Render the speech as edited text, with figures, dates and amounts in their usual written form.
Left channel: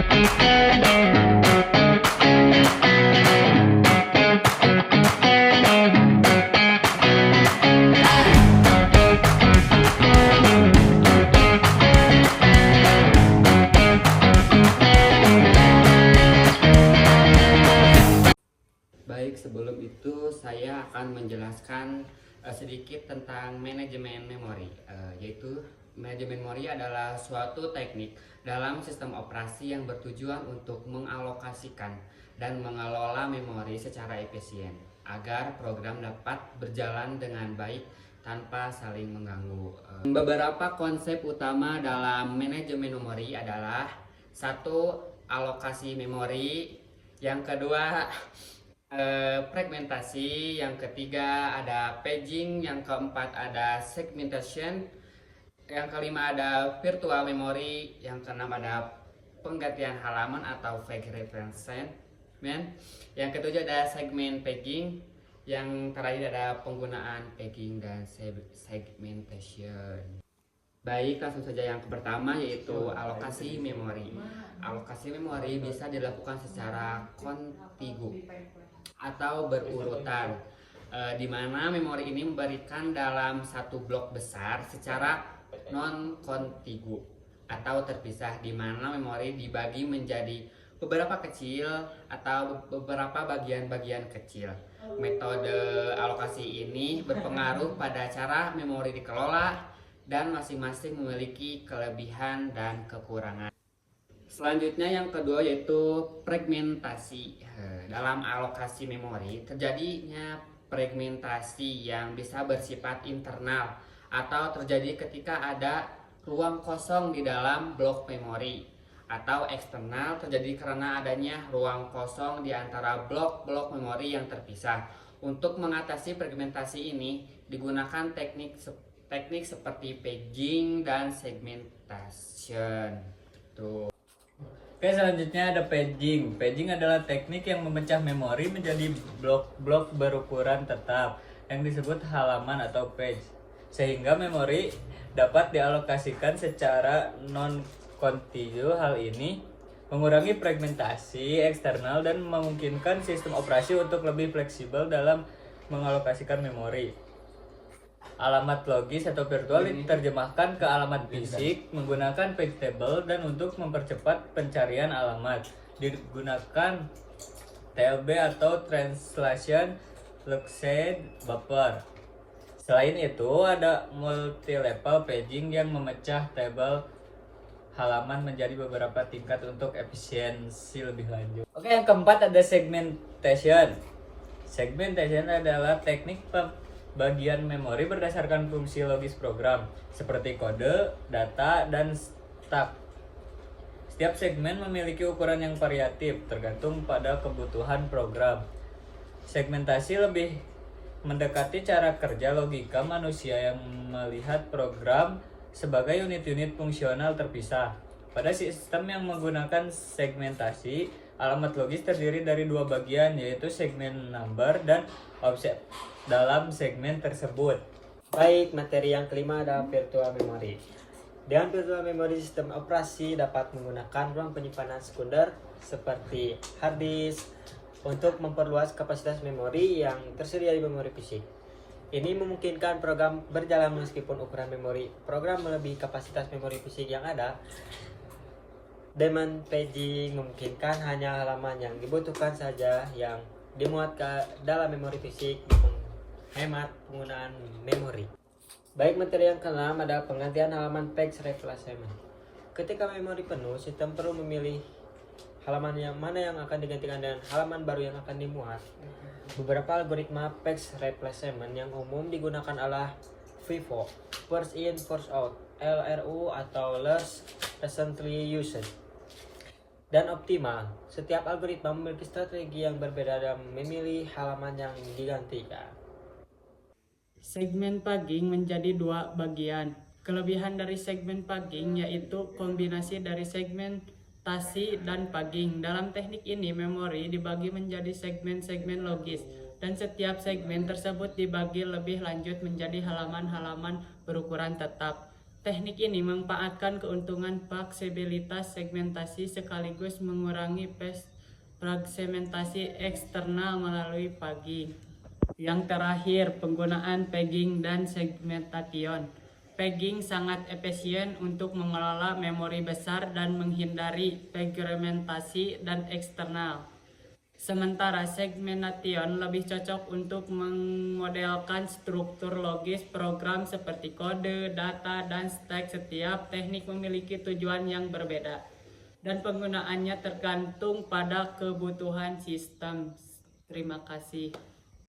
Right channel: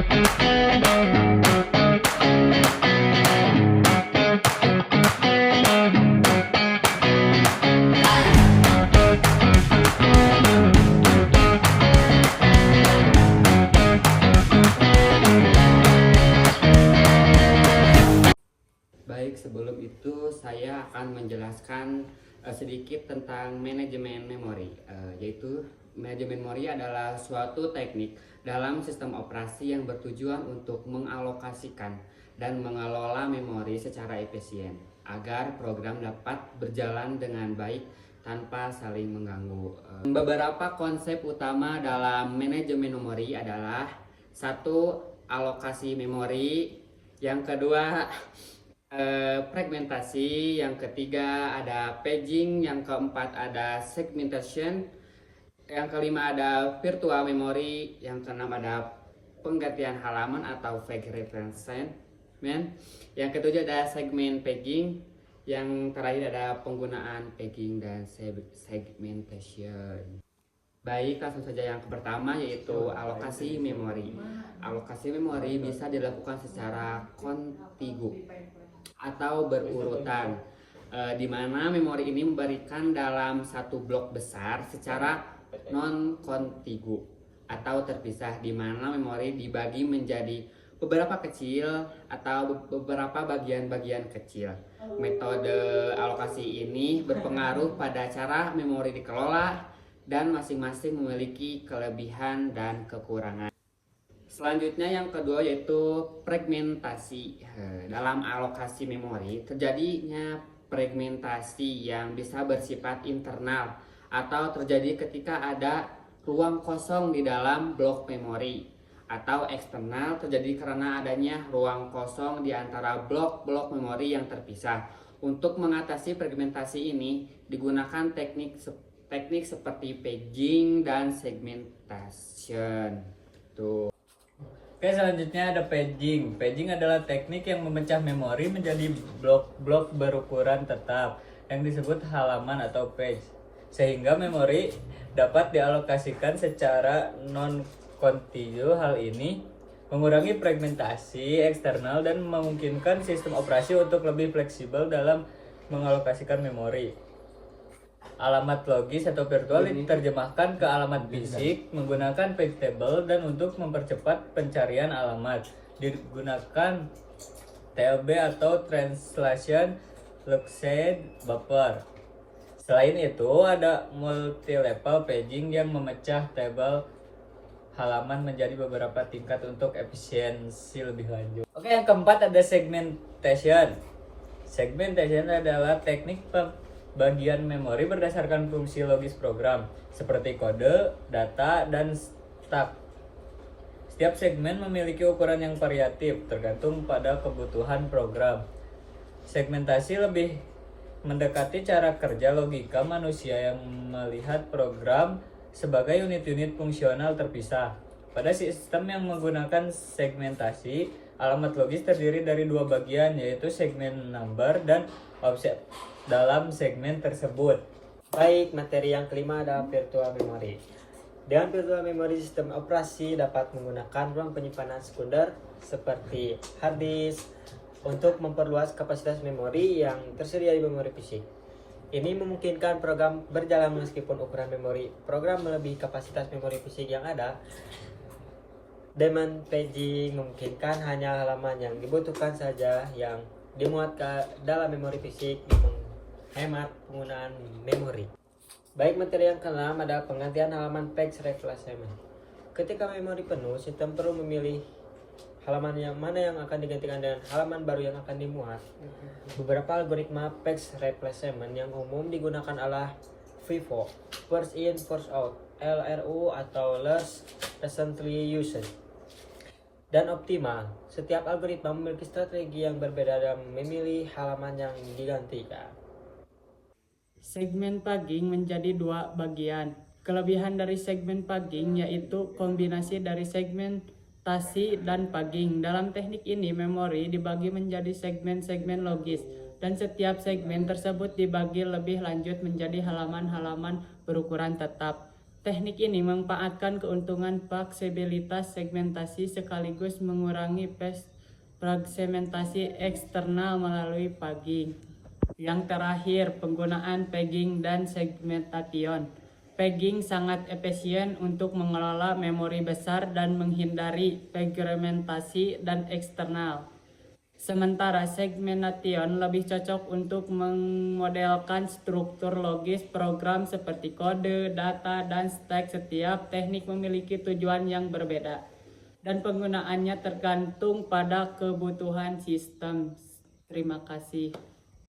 Baik, sebelum itu saya akan menjelaskan sedikit tentang manajemen memori. Yaitu manajemen memori adalah suatu teknik dalam sistem operasi yang bertujuan untuk mengalokasikan dan mengelola memori secara efisien agar program dapat berjalan dengan baik tanpa saling mengganggu. Beberapa konsep utama dalam manajemen memori adalah: satu, alokasi memori; yang kedua, fragmentasi; yang ketiga ada paging; yang keempat ada segmentation; yang kelima ada virtual memory; yang keenam ada penggantian halaman atau page replacement; yang ketujuh ada segment paging; yang terakhir ada penggunaan paging dan segmentation. Baik, langsung saja yang pertama, yaitu alokasi memori. Alokasi memori bisa dilakukan secara kontigu atau berurutan, di mana memori ini memberikan dalam satu blok besar secara non-kontigu atau terpisah, di mana memori dibagi menjadi beberapa kecil atau beberapa bagian-bagian kecil. Metode alokasi ini berpengaruh pada cara memori dikelola dan masing-masing memiliki kelebihan dan kekurangan. Selanjutnya yang kedua, yaitu fragmentasi. Dalam alokasi memori terjadinya fragmentasi yang bisa bersifat internal atau terjadi ketika ada ruang kosong di dalam blok memori, atau eksternal terjadi karena adanya ruang kosong di antara blok-blok memori yang terpisah. Untuk mengatasi fragmentasi ini digunakan teknik seperti paging dan segmentation. Tuh. Oke, selanjutnya ada paging. Paging adalah teknik yang memecah memori menjadi blok-blok berukuran tetap yang disebut halaman atau page, sehingga memori dapat dialokasikan secara non-kontigu. Hal ini mengurangi fragmentasi eksternal dan memungkinkan sistem operasi untuk lebih fleksibel dalam mengalokasikan memori. Alamat logis atau virtual diterjemahkan ke alamat fisik menggunakan page table, dan untuk mempercepat pencarian alamat digunakan TLB atau Translation Locked Buffer. Selain itu, ada multi-level paging yang memecah tabel halaman menjadi beberapa tingkat untuk efisiensi lebih lanjut. Oke, yang keempat ada segmentation. Segmentation adalah teknik bagian memori berdasarkan fungsi logis program seperti kode, data, dan step. Setiap segmen memiliki ukuran yang variatif tergantung pada kebutuhan program. Segmentasi lebih mendekati cara kerja logika manusia yang melihat program sebagai unit-unit fungsional terpisah. Pada sistem yang menggunakan segmentasi, alamat logis terdiri dari dua bagian, yaitu segmen number dan offset dalam segmen tersebut. Baik, materi yang kelima ada virtual memory. Dengan virtual memory, sistem operasi dapat menggunakan ruang penyimpanan sekunder seperti hard disk untuk memperluas kapasitas memori yang tersedia di memori fisik. Ini memungkinkan program berjalan meskipun ukuran memori program melebihi kapasitas memori fisik yang ada. Demand paging memungkinkan hanya halaman yang dibutuhkan saja yang dimuat ke dalam memori fisik, hemat penggunaan memori. Baik, materi yang keenam ada penggantian halaman page replacement. Ketika memori penuh, sistem perlu memilih halaman yang mana yang akan digantikan dengan halaman baru yang akan dimuat. Beberapa algoritma page replacement yang umum digunakan adalah FIFO, First In First Out, LRU atau Last Recently Used, dan Optima. Setiap algoritma memiliki strategi yang berbeda dalam memilih halaman yang digantikan. Segmen paging menjadi dua bagian. Kelebihan dari segmen paging yaitu kombinasi dari segmentasi dan paging. Dalam teknik ini, memori dibagi menjadi segmen-segmen logis, dan setiap segmen tersebut dibagi lebih lanjut menjadi halaman-halaman berukuran tetap. Teknik ini memanfaatkan keuntungan fleksibilitas segmentasi sekaligus mengurangi fragmentasi eksternal melalui pagging. Yang terakhir, penggunaan pegging dan segmentation. Pegging sangat efisien untuk mengelola memori besar dan menghindari fragmentasi dan eksternal. Sementara segmentation lebih cocok untuk memodelkan struktur logis program seperti kode, data, dan stack. Setiap teknik memiliki tujuan yang berbeda, dan penggunaannya tergantung pada kebutuhan sistem. Terima kasih.